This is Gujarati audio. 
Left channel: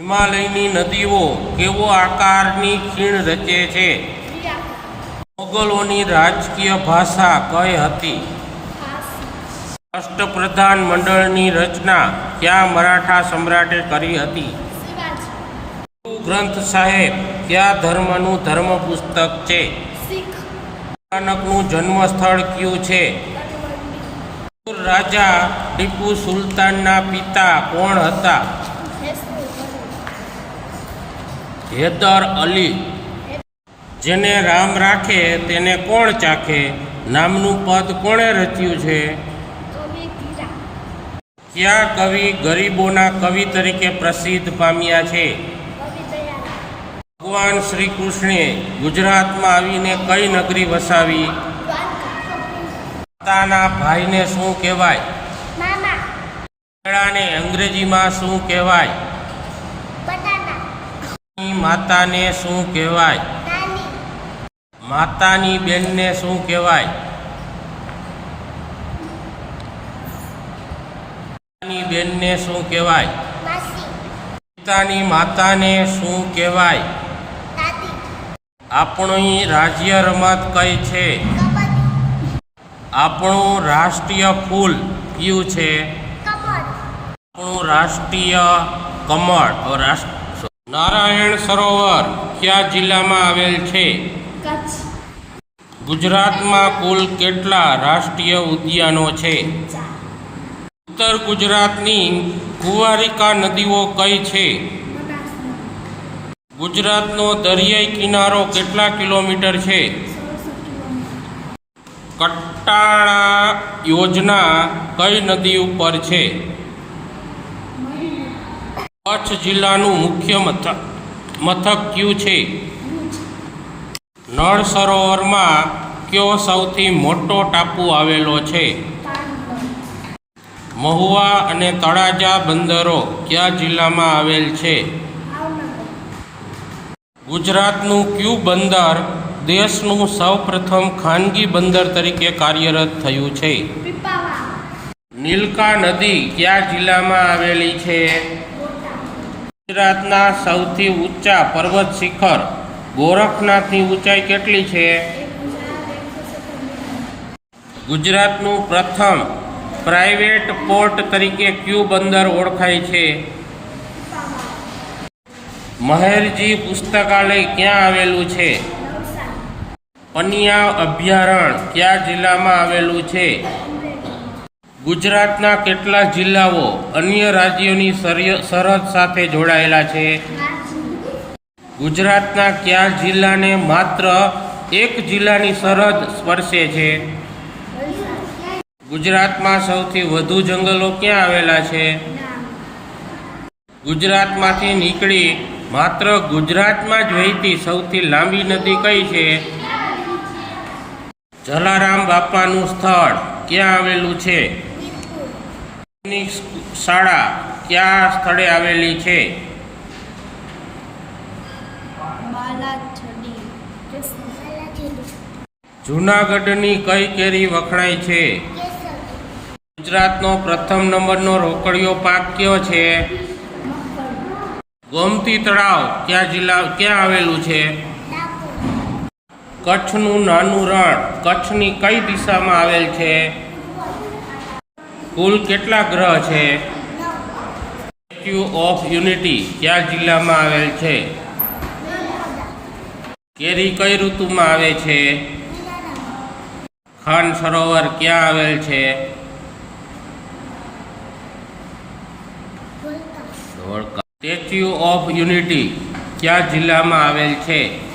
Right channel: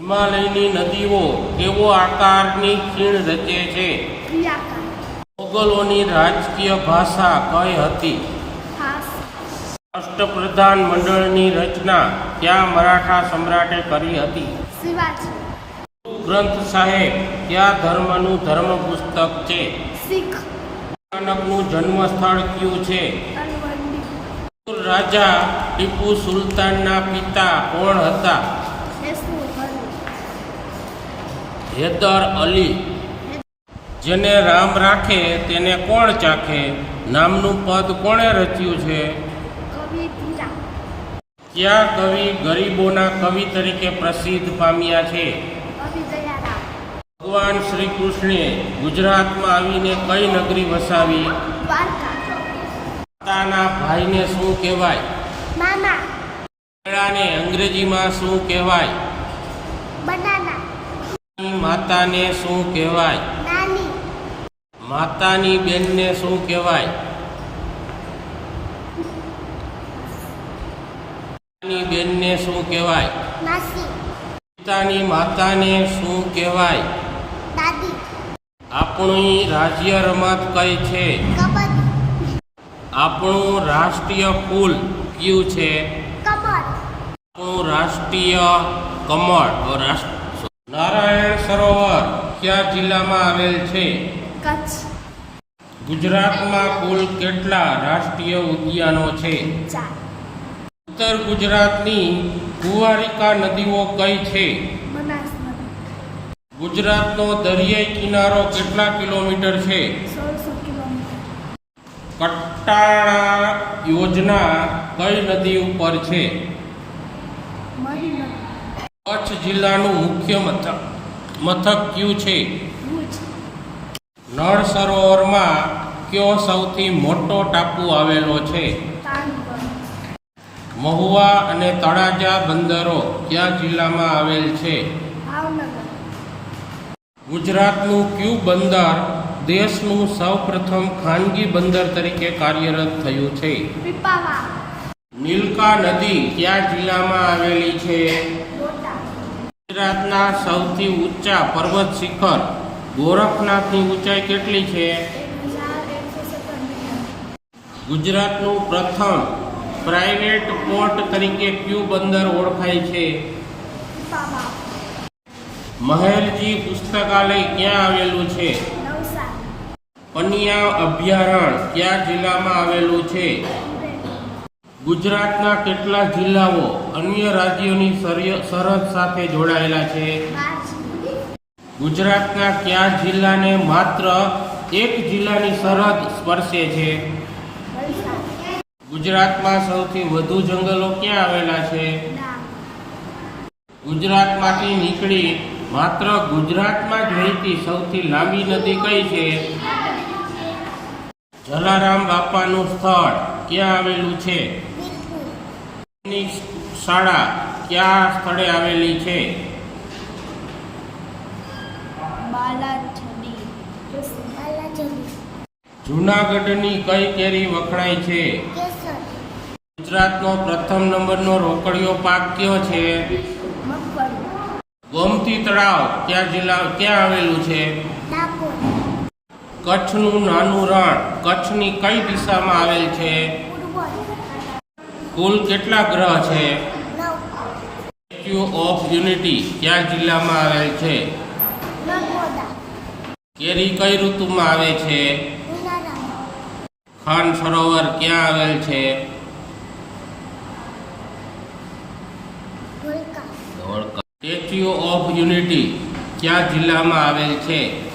હિમાલયની નદીઓ કેવો આકારની ખીણ રચે છે? મોગલોની રાજકીય ભાષા કઈ હતી? હાસ અષ્ટપ્રધાન મંડળની રચના ક્યાં મરાઠા સમ્રાટે કરી હતી? ગુરુ ગ્રંથ સાહેબ ક્યાં ધર્મનું ધર્મ પુસ્તક છે? નાનકનું જન્મસ્થળ કયું છે? રાજા ટીપુ સુલતાનના પિતા કોણ હતા? હૈદર અલી. જેને રામ રાખે તેને કોણ ચાખે? નામનું પદ કોણે રચ્યું છે? કયા કવિ ગરીબોના કવિ તરીકે પ્રસિદ્ધ પામ્યા છે? ભગવાન શ્રી કૃષ્ણે ગુજરાતમાં આવીને કઈ નગરી વસાવી? પોતાના માતાના ભાઈને શું કહેવાય? મેળાને અંગ્રેજીમાં શું કહેવાય? માતાને શું કહેવાય? માતાની બેનને શું કહેવાય? માતાની બેનને શું કહેવાય? પિતાની માતાને શું કહેવાય? આપણી રાજ્ય રમત કઈ છે? આપણું રાષ્ટ્રીય ફૂલ કયું છે? આપણું રાષ્ટ્રીય કમળ. રાષ્ટ્ર નારાયણ સરોવર કયા જિલ્લામાં આવેલ છે? કચ્છ. ગુજરાતમાં કુલ કેટલા રાષ્ટ્રીય ઉદ્યાનો છે? ઉત્તર ગુજરાતની કુંવારિકા નદીઓ કઈ છે? ગુજરાતનો દરિયાઈ કિનારો કેટલા કિલોમીટર છે? કટ્ટાળા યોજના કઈ નદી ઉપર છે? કચ્છ જિલ્લાનું મુખ્ય મથક મથક કયું છે? નળ સરોવરમાં કયો સૌથી મોટો ટાપુ આવેલો છે? મહુવા અને તળાજા બંદરો કયા જિલ્લામાં આવેલ છે? ગુજરાતનું ક્યુ બંદર દેશનું સૌપ્રથમ ખાનગી બંદર તરીકે કાર્યરત થયું છે? નીલકા નદી કયા જિલ્લામાં આવેલી છે? ગુજરાતના સૌથી ઊંચા પર્વત શિખર ગોરખનાથની ઊંચાઈ કેટલી છે? ગુજરાતનું પ્રથમ પ્રાઇવેટ પોર્ટ તરીકે ક્યુ બંદર ઓળખાય છે? મહેરજી પુસ્તકાલય ક્યાં આવેલું છે? પનિયા અભયારણ્ય કયા જિલ્લામાં આવેલું છે? ગુજરાતના કેટલા જિલ્લાઓ અન્ય રાજ્યોની સરહદ સાથે જોડાયેલા છે. ગુજરાતના કયા જિલ્લાને માત્ર એક જિલ્લાની સરહદ સ્પર્શે છે? ગુજરાતમાં સૌથી વધુ જંગલો ક્યાં આવેલા છે? ગુજરાતમાંથી નીકળી માત્ર ગુજરાતમાં જ વહેતી સૌથી લાંબી નદી કઈ છે? જલારામ બાપાનું સ્થળ ક્યાં આવેલું છે? શાળા કયા સ્થળે આવેલી છે? જૂનાગઢની કઈ કેરી વખણાય છે? ગુજરાતનો પ્રથમ નંબરનો રોકડિયો પાક કયો છે? ગોમતી તળાવ ક્યાં જિલ્લા ક્યાં આવેલું છે? કચ્છનું નાનું રણ કચ્છની કઈ દિશામાં આવેલ છે? કુલ કેટલા ગ્રહ છે? સ્ટેચ્યુ ઓફ યુનિટી કયા જિલ્લામાં આવેલ છે? કેરી કઈ ઋતુમાં આવે છે? ખાન સરોવર ક્યાં આવેલ છે? સ્ટેચ્યુ ઓફ યુનિટી કયા જિલ્લામાં આવેલ છે?